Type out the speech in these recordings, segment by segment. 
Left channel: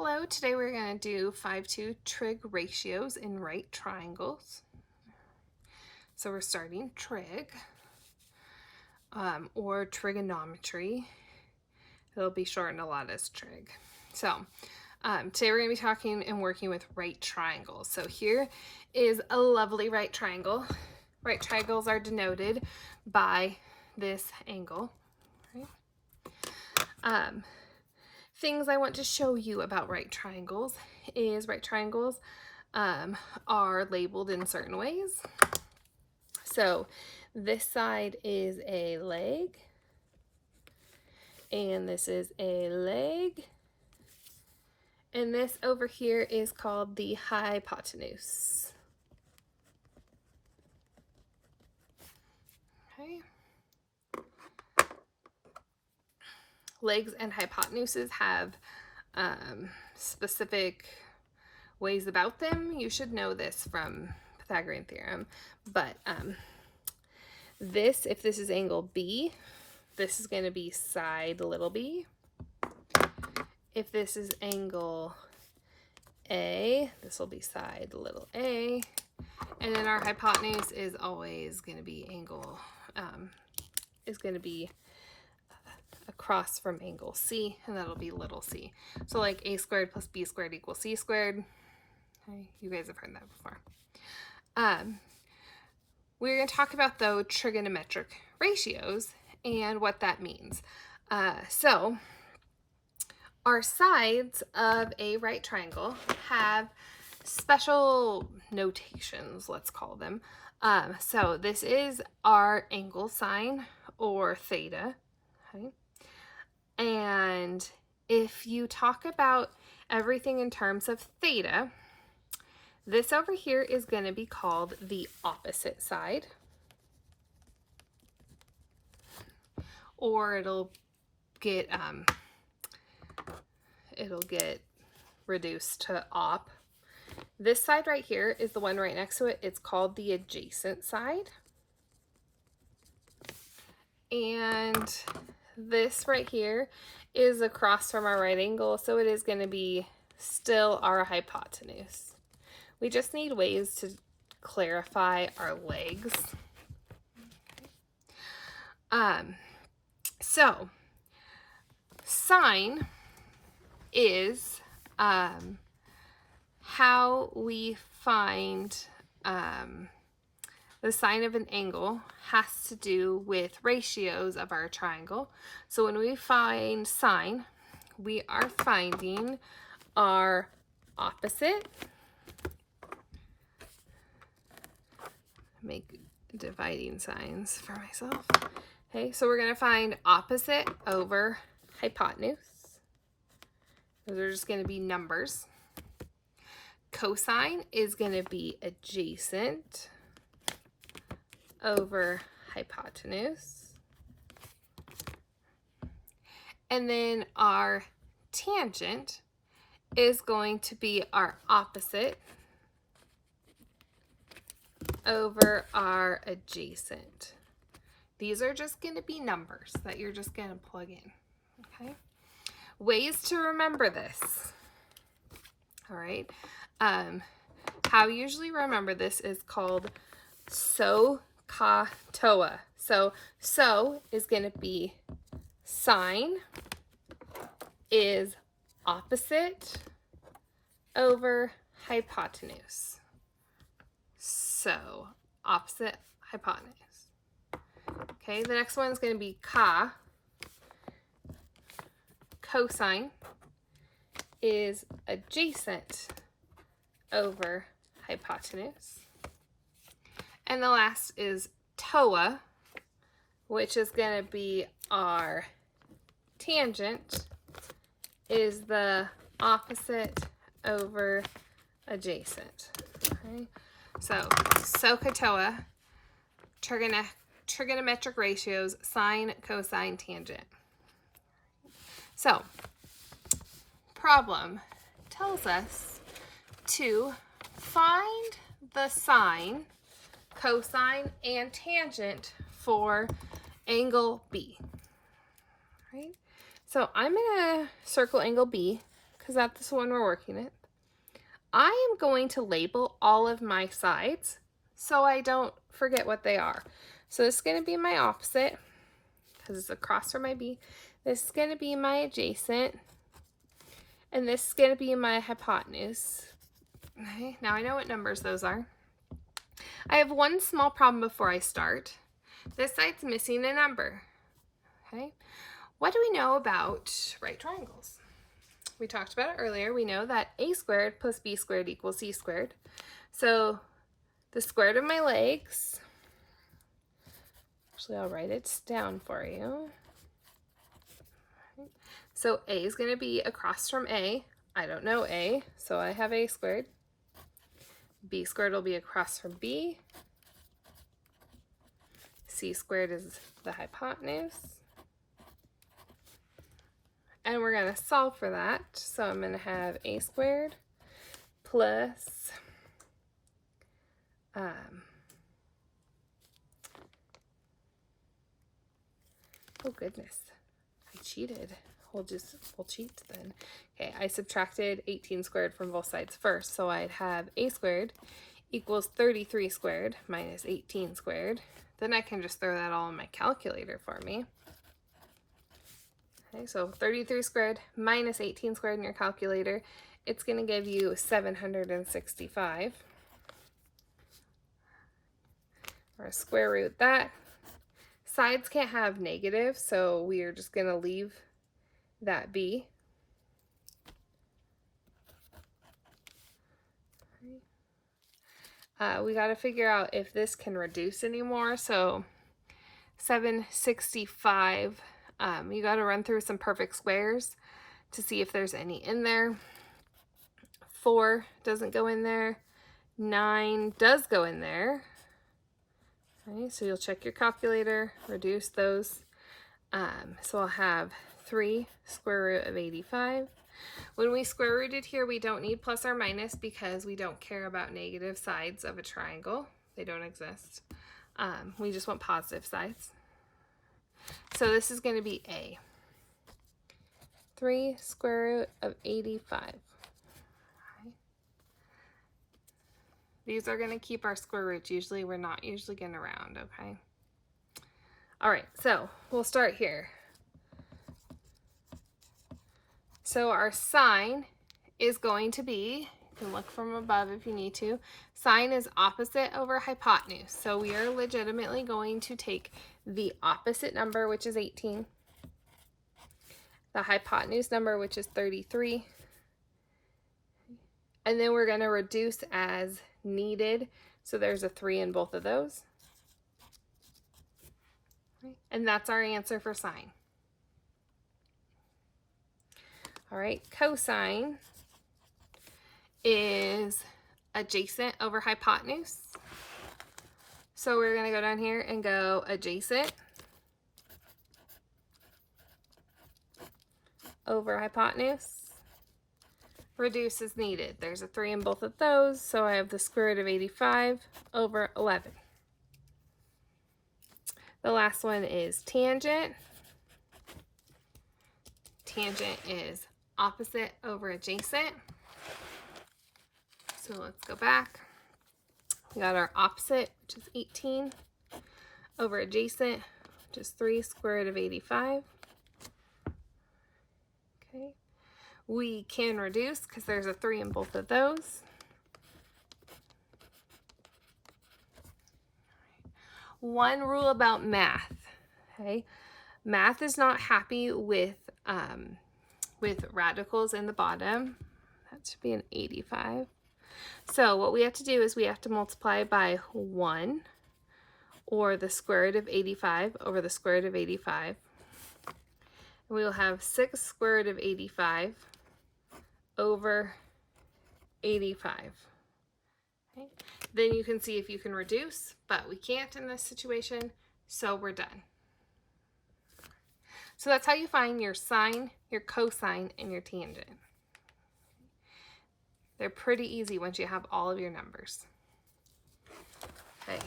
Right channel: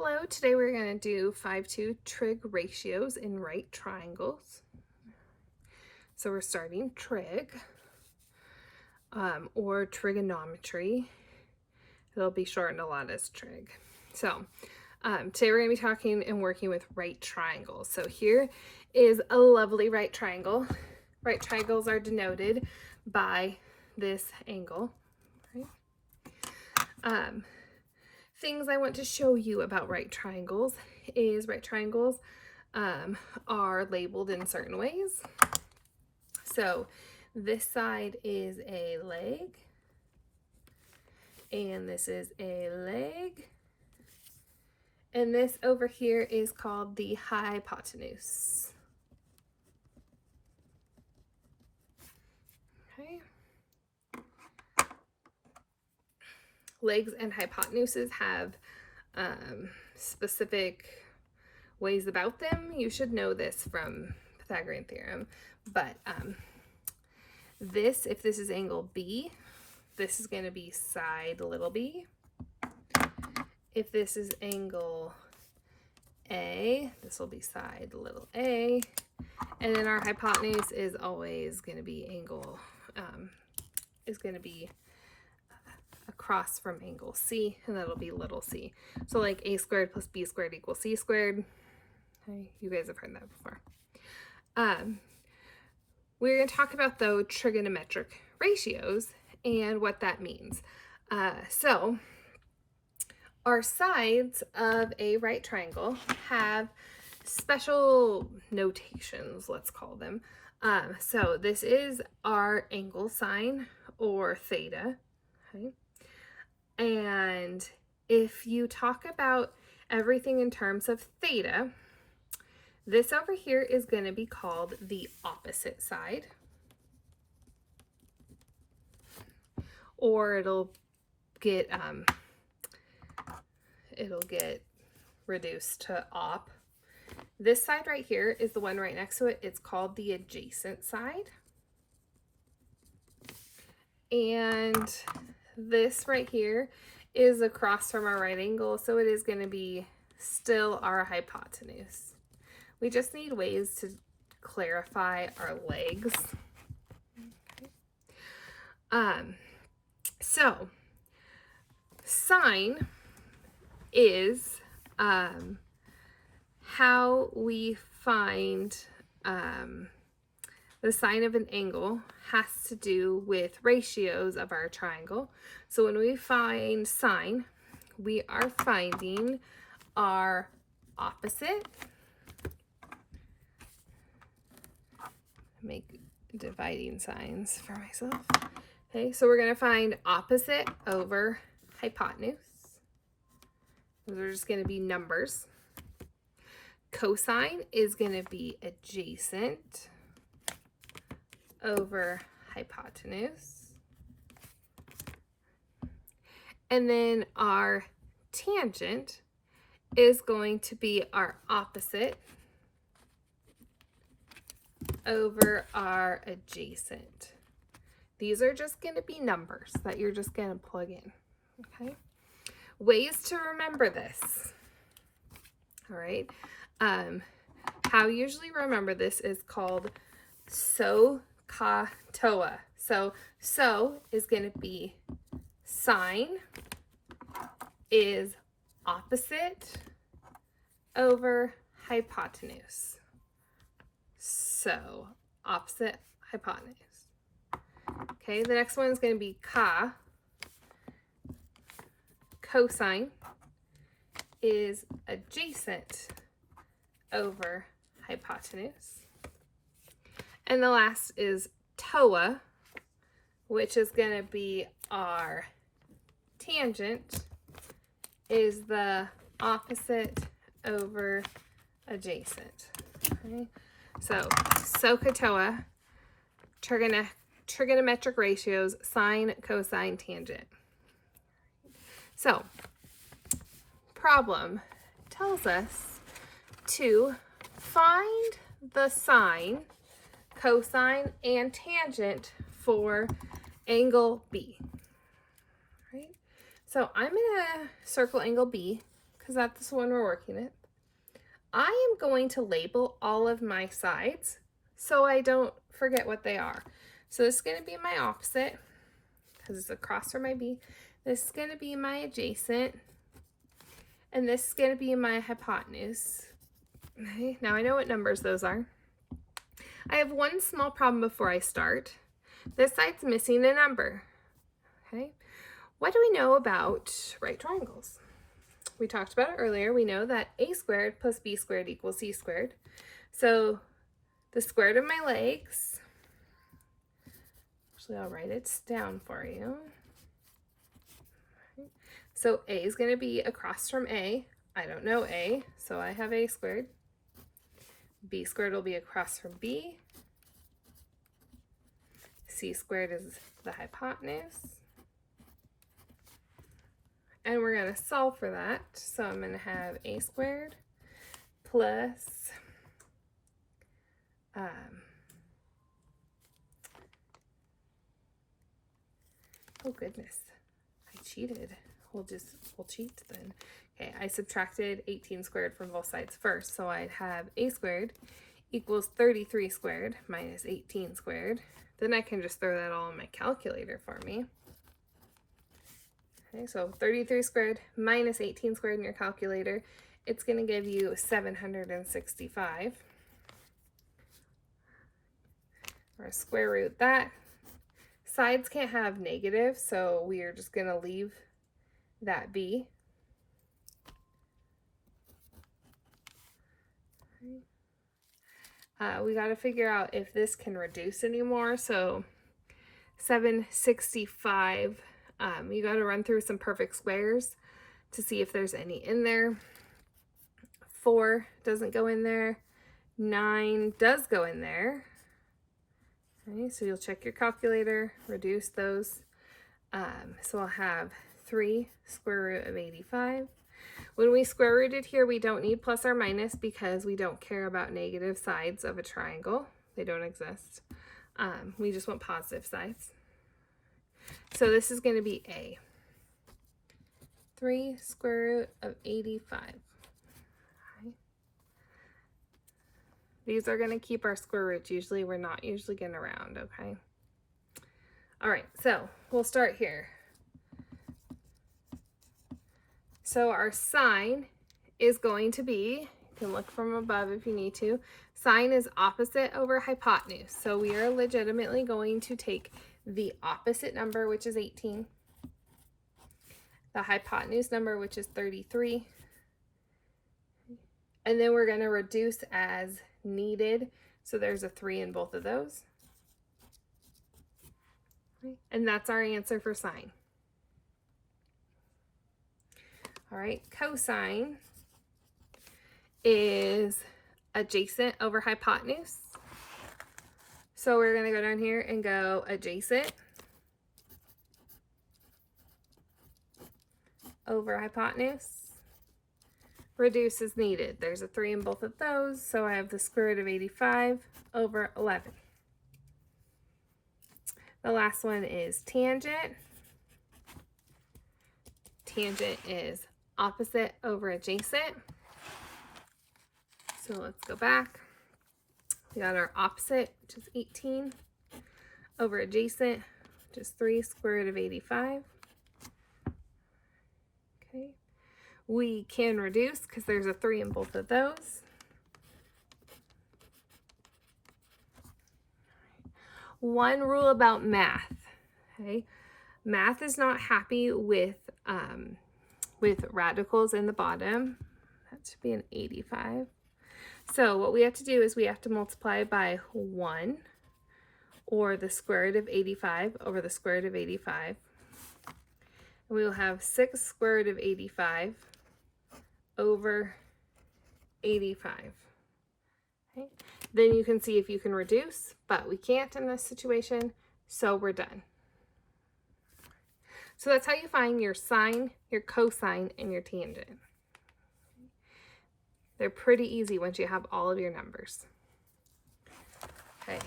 Hello, today we're going to do 5-2 trig ratios in right triangles. So we're starting trig or trigonometry. It'll be shortened a lot as trig. So today we're going to be talking and working with right triangles. So here is a lovely right triangle. Right triangles are denoted by this angle. Right? Things I want to show you about right triangles is right triangles are labeled in certain ways. So this side is a leg, and this is a leg, and this over here is called the hypotenuse. Okay. Legs and hypotenuses have specific ways about them. You should know this from Pythagorean theorem, but if this is angle B, this is going to be side little b. If this is angle A, this will be side little a. And then our hypotenuse is always going to be across from angle C, and that'll be little c. So like a squared plus b squared equals c squared. Okay, you guys have heard that before. We're going to talk about, though, trigonometric ratios and what that means. So our sides of a right triangle have special notations, let's call them. So this is our angle sign, or theta. Okay? And if you talk about everything in terms of theta, this over here is going to be called the opposite side, or it'll get reduced to op. This side right here is the one right next to it. It's called the adjacent side. And this right here is across from our right angle, so it is going to be still our hypotenuse. We just need ways to clarify our legs. Okay. So sine is how we find the sine of an angle has to do with ratios of our triangle. So when we find sine, we are finding our opposite. Make dividing signs for myself. Okay, so we're going to find opposite over hypotenuse. Those are just going to be numbers. Cosine is going to be adjacent over hypotenuse. And then our tangent is going to be our opposite over our adjacent. These are just going to be numbers that you're just going to plug in. Okay. Ways to remember this. All right. How you usually remember this is called SOHCAHTOA. So is going to be sine is opposite over hypotenuse. So opposite hypotenuse. Okay, the next one is going to be ka. Cosine is adjacent over hypotenuse. And the last is TOA, which is going to be our tangent is the opposite over adjacent. Okay, so SOHCAHTOA, trigonometric ratios, sine, cosine, tangent. So, problem tells us to find the sine, cosine, and tangent for angle B. Right? So I'm going to circle angle B because that's the one we're working with, I am going to label all of my sides so I don't forget what they are. So this is going to be my opposite because it's across from my B. This is going to be my adjacent, and this is going to be my hypotenuse. Okay, now I know what numbers those are. I have one small problem before I start. This side's missing a number. Okay, what do we know about right triangles? We talked about it earlier. We know that a squared plus b squared equals c squared. So the square root of my legs, actually I'll write it down for you. So a is going to be across from a. I don't know a, so I have a squared. B squared will be across from b. C squared is the hypotenuse. And we're going to solve for that. So I'm going to have a squared plus oh goodness, I cheated. We'll cheat then. Okay, I subtracted 18 squared from both sides first, so I'd have a squared equals 33 squared minus 18 squared. Then I can just throw that all in my calculator for me. Okay, so 33 squared minus 18 squared in your calculator, it's going to give you 765. Or square root that. Sides can't have negative, so we are just going to leave that be. We got to figure out if this can reduce anymore. So 765, you got to run through some perfect squares to see if there's any in there. 4 doesn't go in there. 9 does go in there. Okay, so you'll check your calculator, reduce those. So I'll have 3 square root of 85. When we square rooted here, we don't need plus or minus because we don't care about negative sides of a triangle. They don't exist. We just want positive sides. So this is going to be A. 3 square root of 85. Okay. These are going to keep our square roots. Usually we're not usually going to round, okay? All right, so we'll start here. So our sine is going to be, you can look from above if you need to, sine is opposite over hypotenuse. So we are legitimately going to take the opposite number, which is 18, the hypotenuse number, which is 33, and then we're going to reduce as needed. So there's a 3 in both of those. And that's our answer for sine. All right, cosine is adjacent over hypotenuse. So we're going to go down here and go adjacent over hypotenuse. Reduce as needed. There's a 3 in both of those, so I have the square root of 85 over 11. The last one is tangent. Tangent is opposite over adjacent. So let's go back. We got our opposite, which is 18, over adjacent, which is 3 square root of 85. Okay. We can reduce because there's a 3 in both of those. One rule about math, okay? Math is not happy with radicals in the bottom. That should be an 85. So what we have to do is we have to multiply by 1, or the square root of 85 over the square root of 85. And we will have 6 square root of 85 over 85. Okay. Then you can see if you can reduce, but we can't in this situation, so we're done. So that's how you find your sine, your cosine, and your tangent. They're pretty easy once you have all of your numbers. Okay,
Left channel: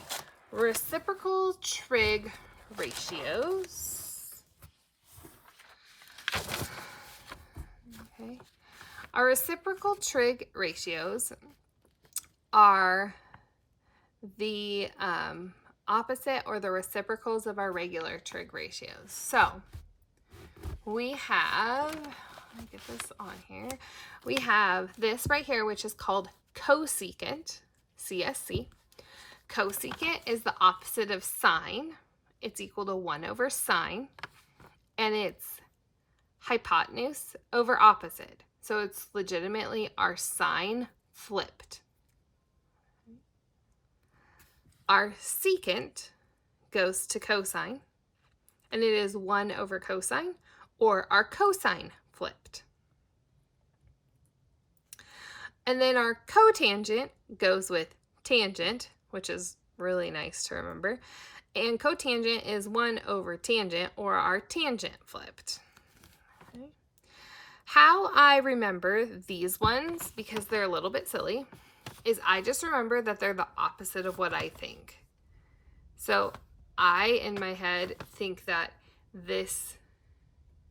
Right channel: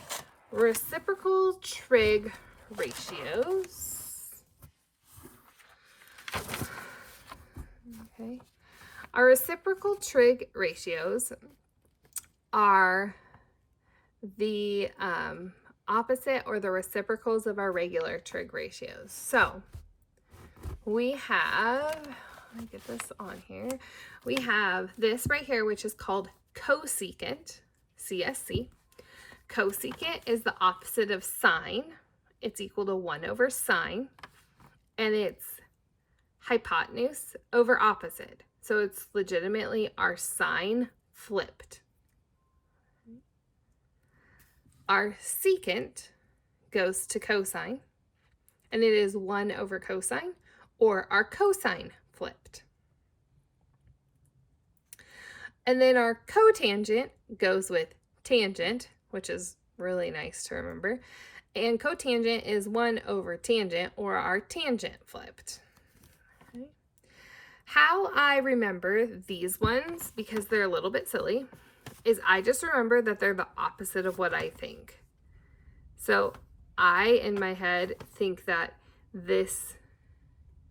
reciprocal trig ratios. Okay, Our reciprocal trig ratios are the opposite or the reciprocals of our regular trig ratios. So we have, let me get this on here. We have this right here, which is called cosecant, CSC. Cosecant is the opposite of sine. It's equal to 1 over sine, and it's hypotenuse over opposite. So it's legitimately our sine flipped. Our secant goes to cosine, and it is 1 over cosine, or our cosine flipped. And then our cotangent goes with tangent, which is really nice to remember. And cotangent is 1 over tangent, or our tangent flipped. Okay. How I remember these ones, because they're a little bit silly, is I just remember that they're the opposite of what I think. So I, in my head, think that this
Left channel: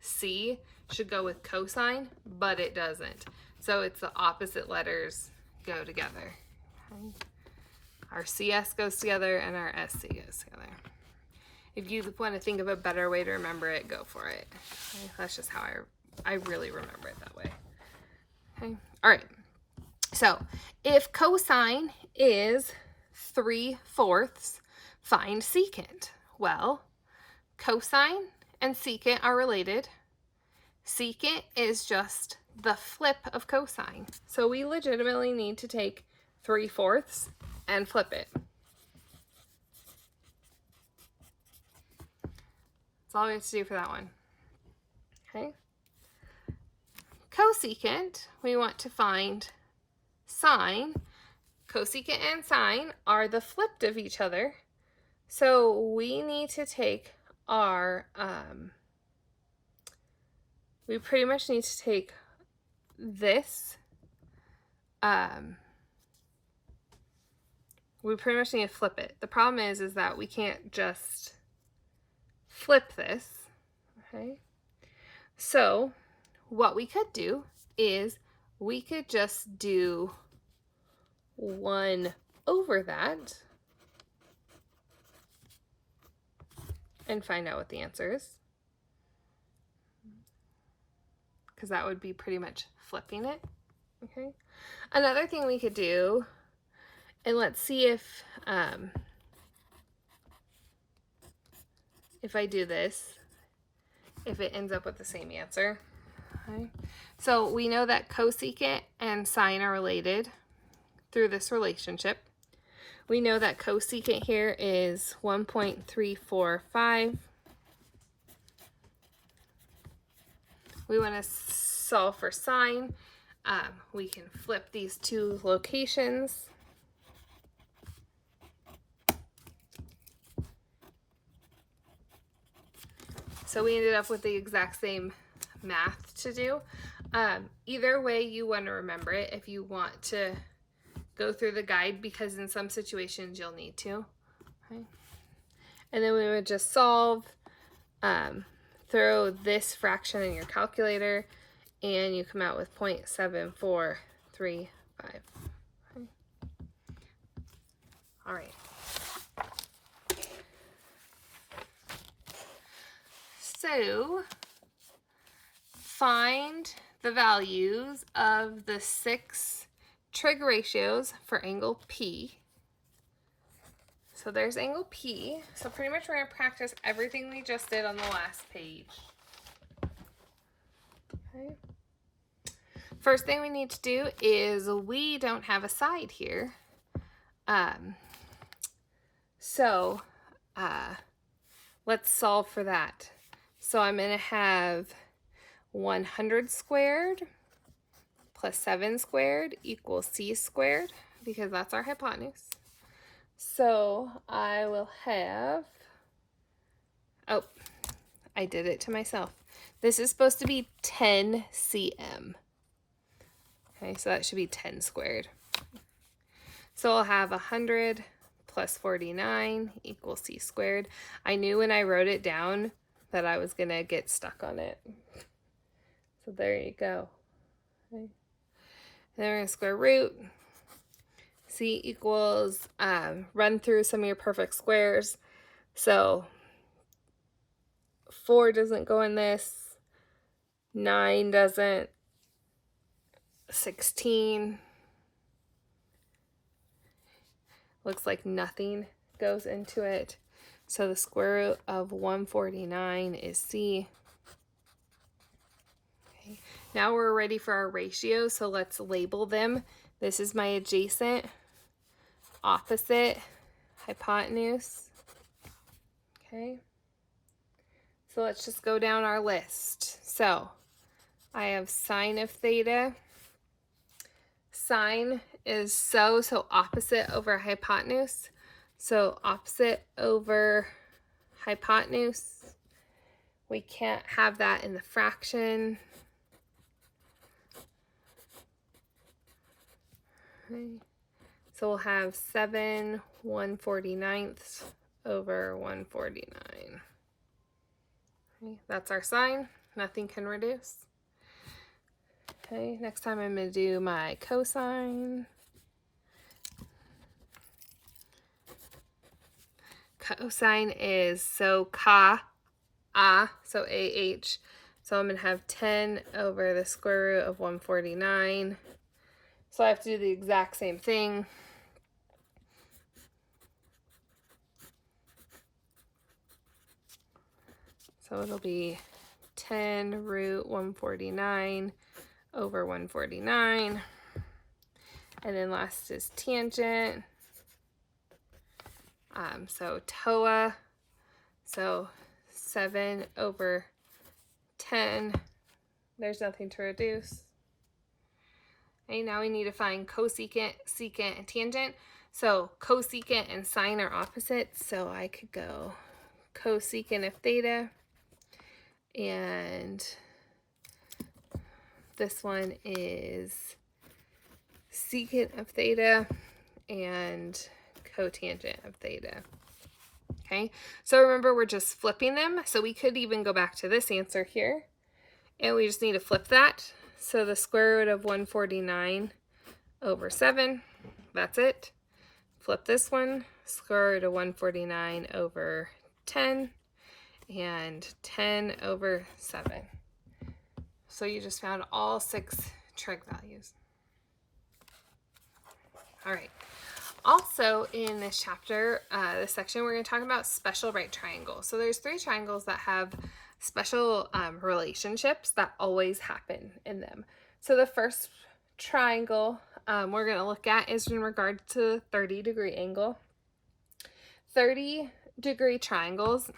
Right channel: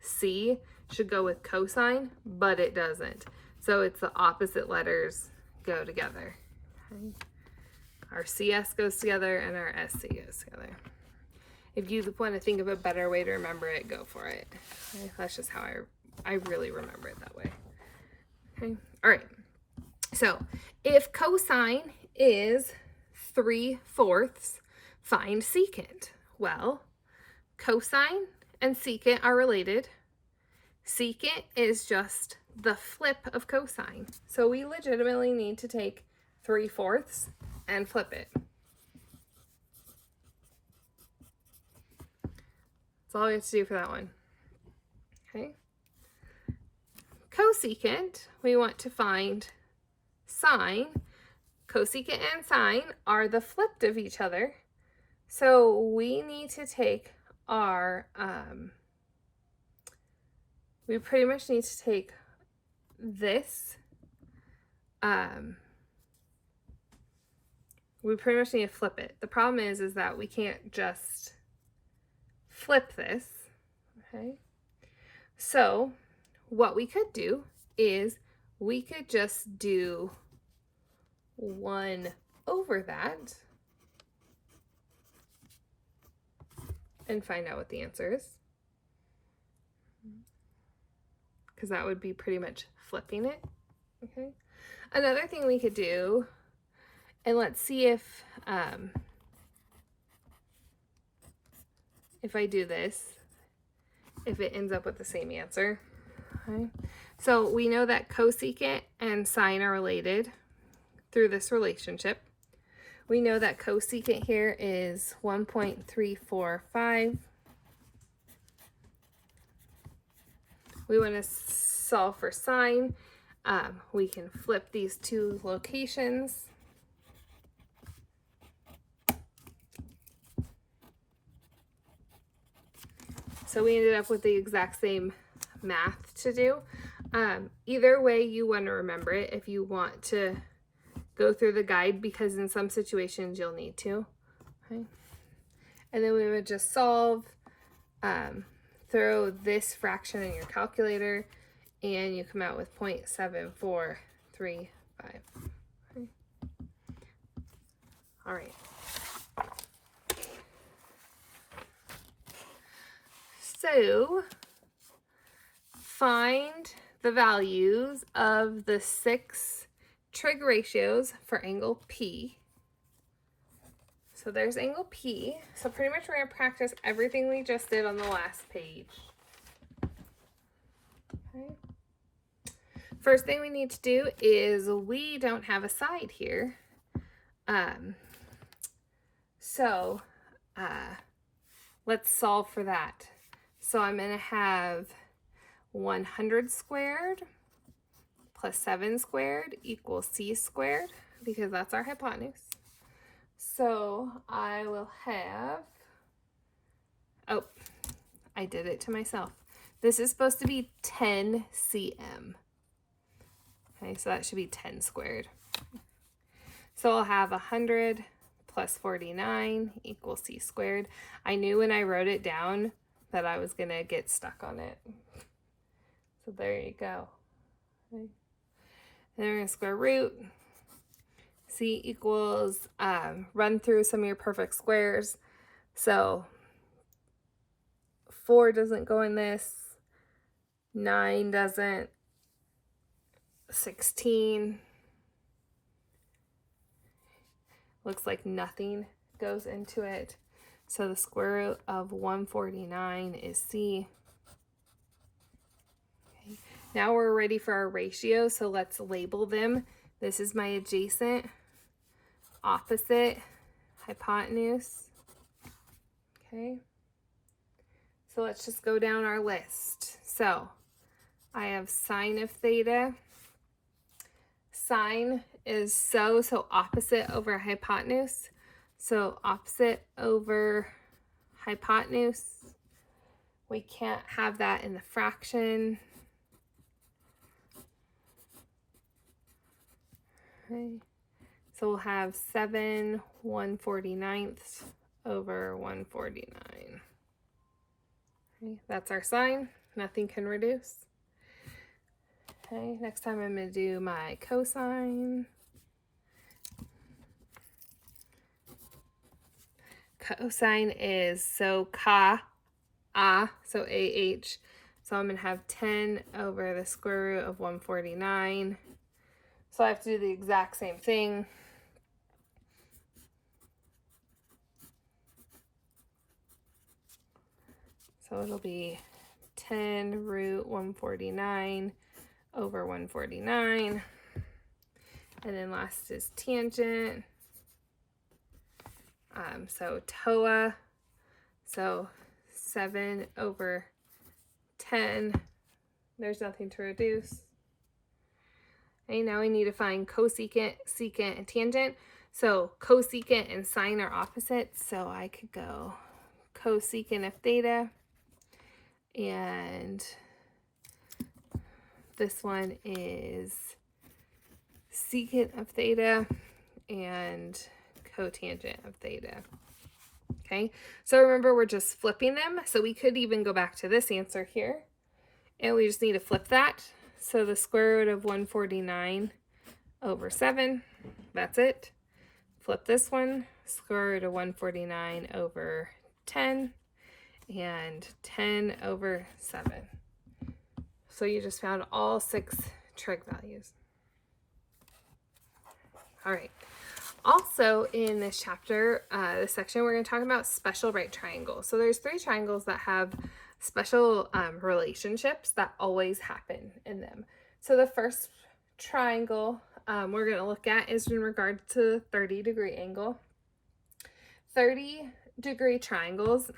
C should go with cosine, but it doesn't. So it's the opposite letters go together. Okay. Our CS goes together and our SC goes together. If you want to think of a better way to remember it, go for it. Okay. That's just how I really remember it that way. Okay. All right. So if cosine is 3/4, find secant. Well, cosine and secant are related. Secant is just the flip of cosine. So we legitimately need to take 3/4 and flip it. That's all we have to do for that one. Okay. Cosecant, we want to find sine. Cosecant and sine are the flipped of each other. So we need to take our, we pretty much need to take this, we pretty much need to flip it. The problem is that we can't just flip this, okay? So what we could do is we could just do 1 over that and find out what the answer is. Because that would be pretty much flipping it, okay? Another thing we could do, and let's see if I do this, if it ends up with the same answer, okay? So we know that cosecant and sine are related through this relationship. We know that cosecant here is 1.345. We want to solve for sine. We can flip these two locations. So we ended up with the exact same math to do. Either way you want to remember it, if you want to go through the guide, because in some situations you'll need to. Okay. And then we would just solve, throw this fraction in your calculator, and you come out with 0.7435. Okay. All right. So find the values of the 6 trig ratios for angle P. So there's angle P. So pretty much we're going to practice everything we just did on the last page. Okay. First thing we need to do is we don't have a side here. Let's solve for that. So I'm going to have 100 squared plus 7 squared equals c squared, because that's our hypotenuse. So I will have, oh, I did it to myself. This is supposed to be 10 cm. Okay, so that should be 10 squared. So I'll have 100 plus 49 equals c squared. I knew when I wrote it down that I was going to get stuck on it. So there you go. Okay. then we're going to square root. C equals, run through some of your perfect squares. So 4 doesn't go in this, 9 doesn't, 16. Looks like nothing goes into it. So the square root of 149 is C. Okay. Now we're ready for our ratios, so let's label them. This is my adjacent, opposite, hypotenuse. Okay. So let's just go down our list. So I have sine of theta. Sine is so opposite over hypotenuse. So opposite over hypotenuse. We can't have that in the fraction. Okay. So we'll have 7 1/49ths over 149. Okay, that's our sine. Nothing can reduce. Okay, next time I'm going to do my cosine. Cosine is so ka, so AH. So I'm going to have 10 over the square root of 149. So I have to do the exact same thing. So it'll be 10 root 149 over 149. And then last is tangent. So TOA. So 7 over 10. There's nothing to reduce. Okay, now we need to find cosecant, secant, and tangent. So cosecant and sine are opposites. So I could go cosecant of theta. And this one is secant of theta and cotangent of theta. Okay, so remember we're just flipping them. So we could even go back to this answer here. And we just need to flip that. So the square root of 149 over 7, that's it. Flip this one, square root of 149 over 10, and 10 over 7. So you just found all 6 trig values. All right. Also in this chapter, this section, we're going to talk about special right triangles. So there's 3 triangles that have special relationships that always happen in them. So the first triangle we're going to look at is in regard to 30-degree angle. 30-degree triangles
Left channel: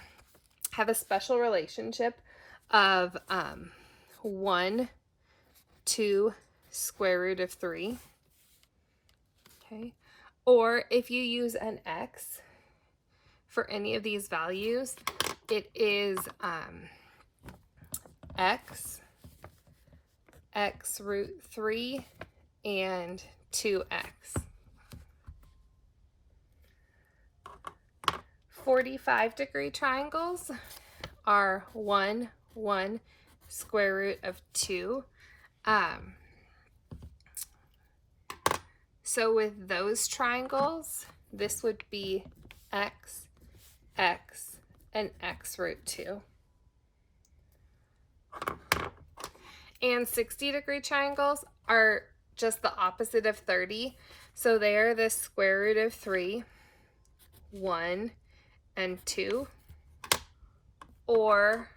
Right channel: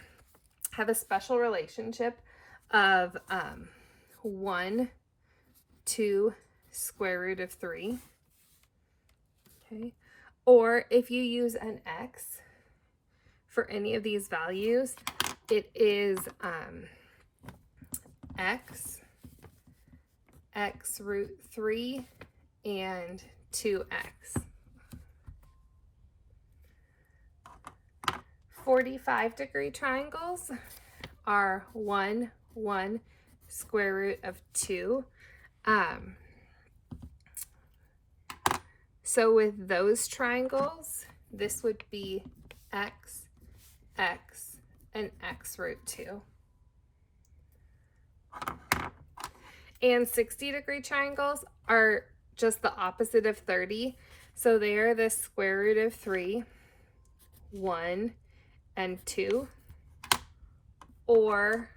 have a special relationship of 1 to square root of 3. Okay. Or if you use an x for any of these values, it is x root 3 and 2x. 45-degree triangles are 1, 1, square root of 2. So with those triangles, this would be x, x, and x root 2. And 60-degree triangles are just the opposite of 30. So they are the square root of 3, 1, and 2. Or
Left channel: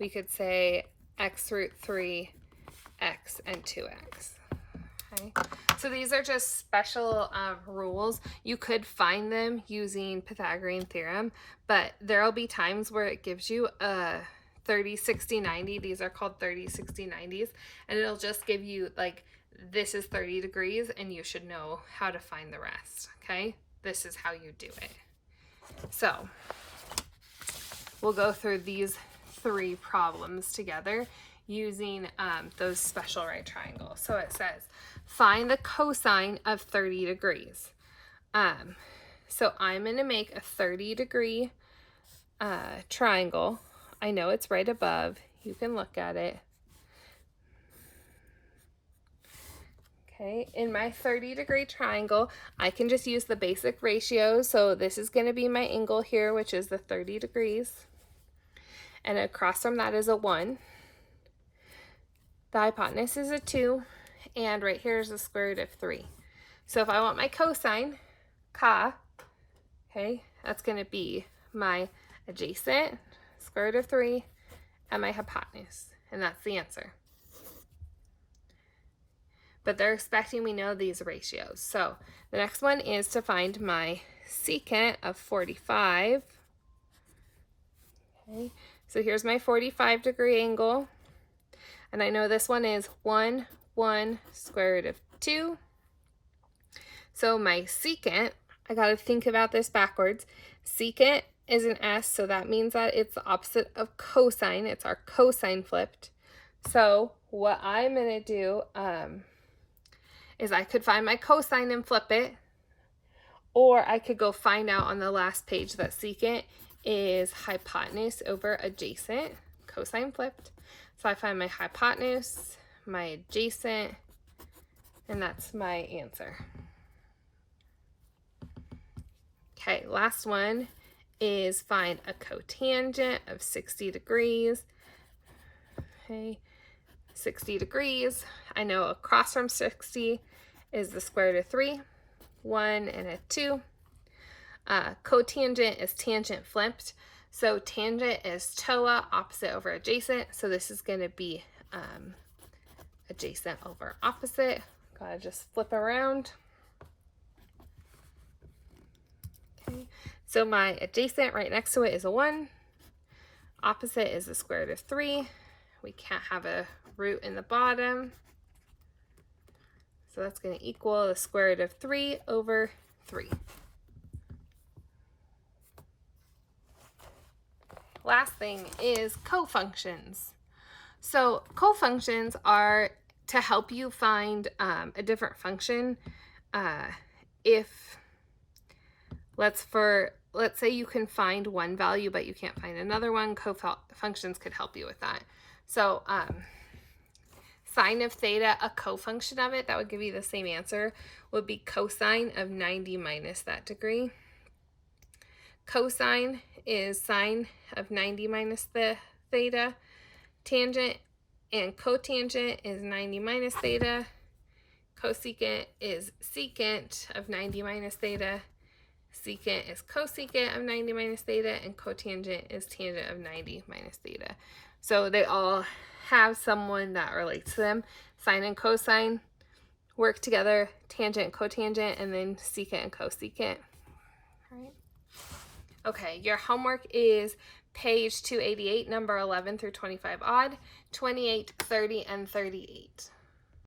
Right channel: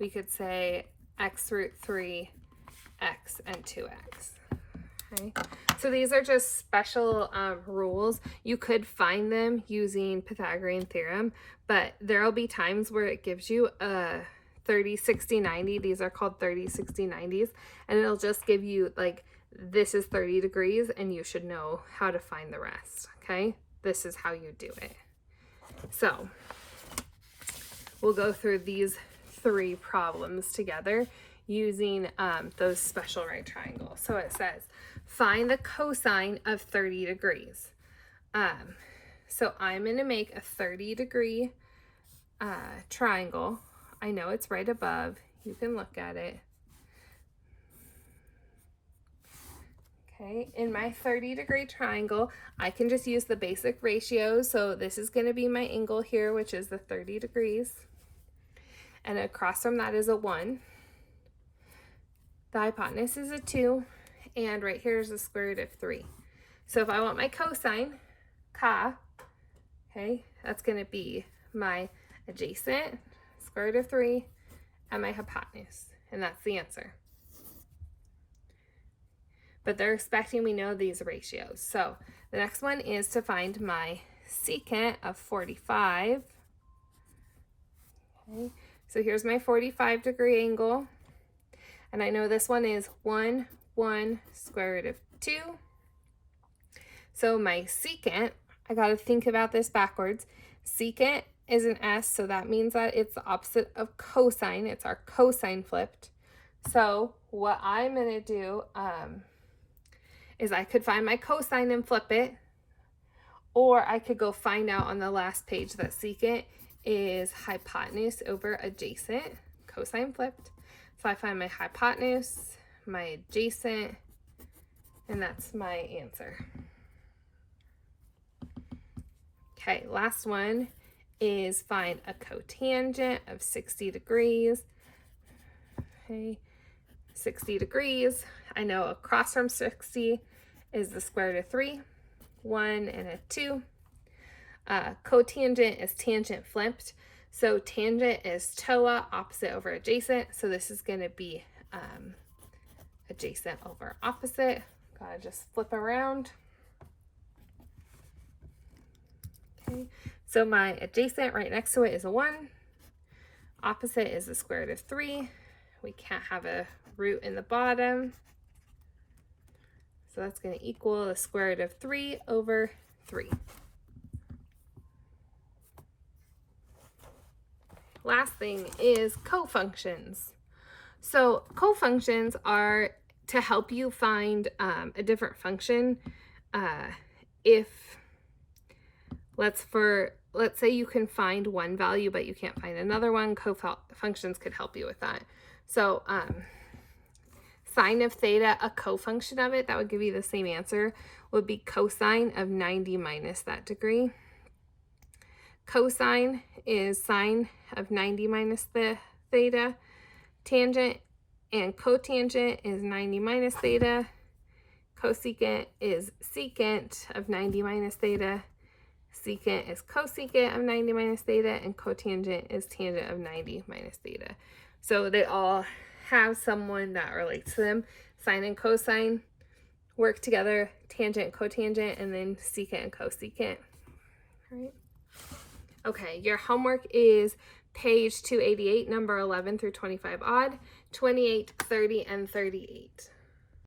we could say x root 3, x, and 2x. Okay, so these are just special rules. You could find them using Pythagorean theorem, but there'll be times where it gives you a 30, 60, 90. These are called 30, 60, 90s, and it'll just give you like, this is 30 degrees, and you should know how to find the rest. Okay, this is how you do it. So we'll go through these 3 problems together using those special right triangles. So it says, find the cosine of 30 degrees. So I'm going to make a 30-degree triangle. I know it's right above. You can look at it. Okay, in my 30-degree triangle, I can just use the basic ratios. So this is going to be my angle here, which is the 30 degrees. And across from that is a 1. The hypotenuse is a 2. And right here is the square root of 3. So if I want my cosine, ca, okay, that's going to be my adjacent, square root of 3, and my hypotenuse. And that's the answer. But they're expecting we know these ratios. So the next one is to find my secant of 45. Okay, so here's my 45-degree angle. And I know this one is 1, 1, square root of 2. So my secant, I got to think about this backwards. Secant is an S, so that means that it's the opposite of cosine. It's our cosine flipped. So what I'm going to do is I could find my cosine and flip it, or I could go find out on the last page that secant is hypotenuse over adjacent, cosine flipped. So I find my hypotenuse, my adjacent, and that's my answer. Okay, last one is find a cotangent of 60 degrees. Okay, 60 degrees. I know across from 60 is the square root of 3, 1 and a 2. Cotangent is tangent flipped. So tangent is TOA, opposite over adjacent. So this is going to be adjacent over opposite. Gotta just flip around. Okay, so my adjacent right next to it is a 1. Opposite is the square root of 3. We can't have a root in the bottom. So that's going to equal the square root of 3 over 3. Last thing is cofunctions. So cofunctions are to help you find a different function. If let's say you can find one value but you can't find another one, cofunctions could help you with that. So sine of theta, a cofunction of it, that would give you the same answer, would be cosine of 90 minus that degree. Cosine is sine of 90 minus the theta. Tangent and cotangent is 90 minus theta. Cosecant is secant of 90 minus theta. Secant is cosecant of 90 minus theta, and cotangent is tangent of 90 minus theta. So they all have someone that relates to them. Sine and cosine work together, tangent and cotangent, and then secant and cosecant. All right. Okay, your homework is page 288, number 11 through 25 odd, 28, 30, and 38.